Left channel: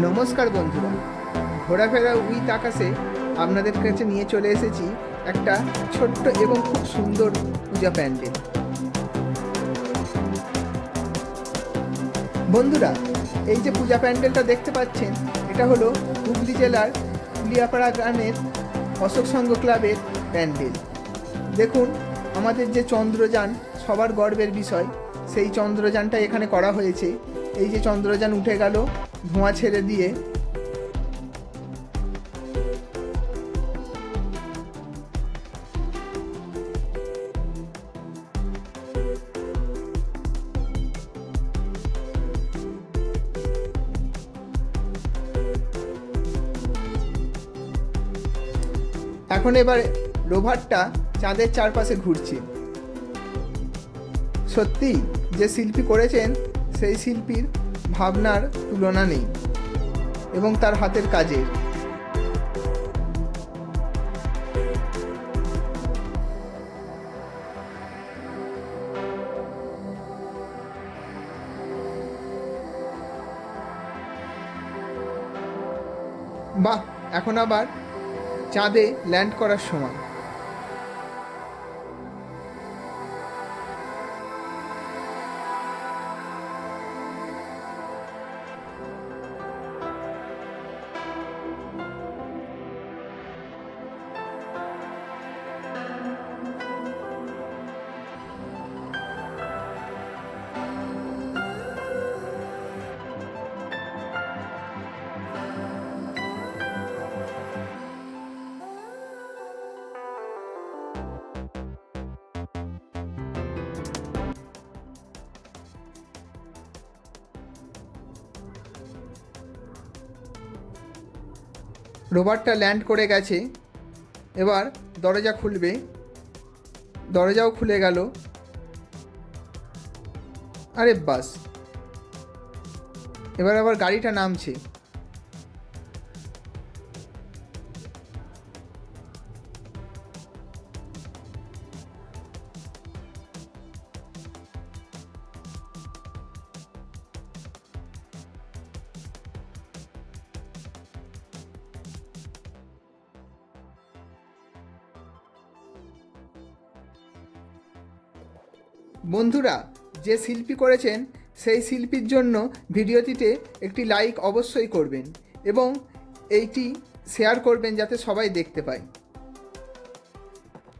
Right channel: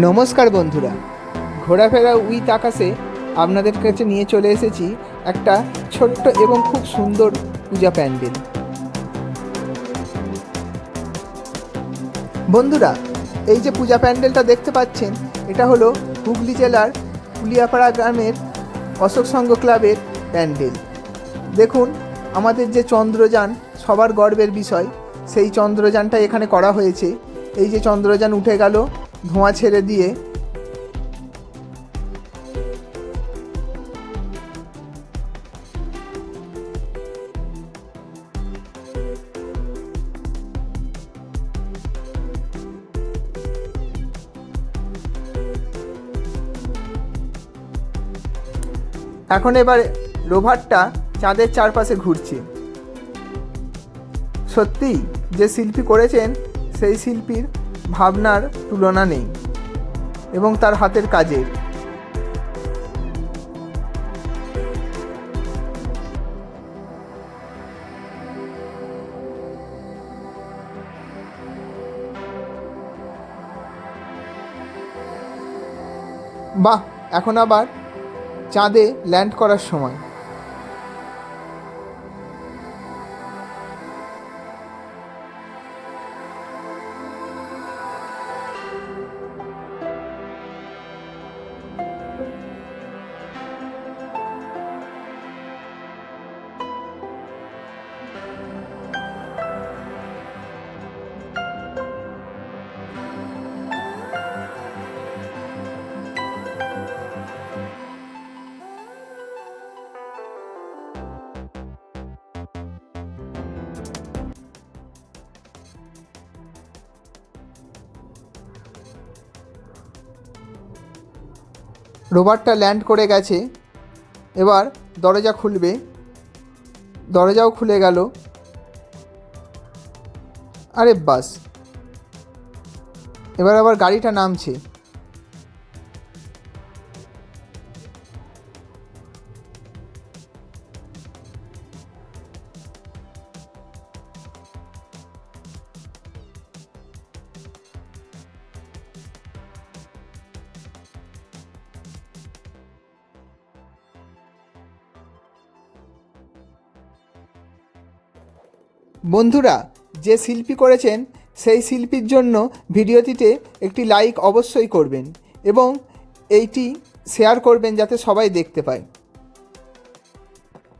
নমস্কার বন্ধুরা, ঘোরাফেরা উইথ আকাশে আপনাদের কাছে নিয়ে চলে এসেছি একটা ছোট্ট এবং খুব সুন্দর পূজা প্যান্ডেল। বন্ধুরা, এই যে পূজা প্যান্ডেলটা দেখতে পাচ্ছেন, এটা হলো হুগলি জেলার কুলিয়াপাড়া গ্রামের অশোক সংঘ ক্লাবের প্যান্ডেল। দেখুন, আমাদের যে চন্দ্রযান, সবার গর্বের বিষয়, সেই চন্দ্রযানটা এখানে করা হয়েছে। এই যে চন্দ্রযান উঠে গেল ধোঁয়া ছেড়ে দিয়ে এখন এবার রোভারটা চাঁদের চারপাশে ঘুরছে। সত্যি যে শিল্পী করেছেন, সেই শিল্পীর ভাবনার তুলনা নেই এবং তার হাতের কাজের। বাহ এখন আবার চাঁদে ল্যান্ড করার সময়। রোভারটা ল্যান্ড করে গেছে। এবার দরজা খুলবে। দরজাও খুলে গেল। আরে বাস। এবার আবার গাড়িটা নামছে। বন্ধুরা, যে শিল্পী করেছেন, সেই শিল্পীর জন্য ভিডিওটিতে একটি লাইক অবশ্যই করবেন এবং এইটি শেয়ার করবেন যাতে সবাই দেখতে পায়।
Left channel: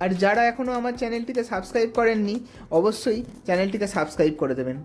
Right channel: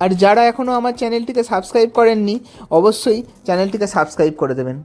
আর যারা এখনও আমার চ্যানেলটিকে সাবস্ক্রাইব করেননি, অবশ্যই চ্যানেলটিকে সাবস্ক্রাইব করে দেবেন।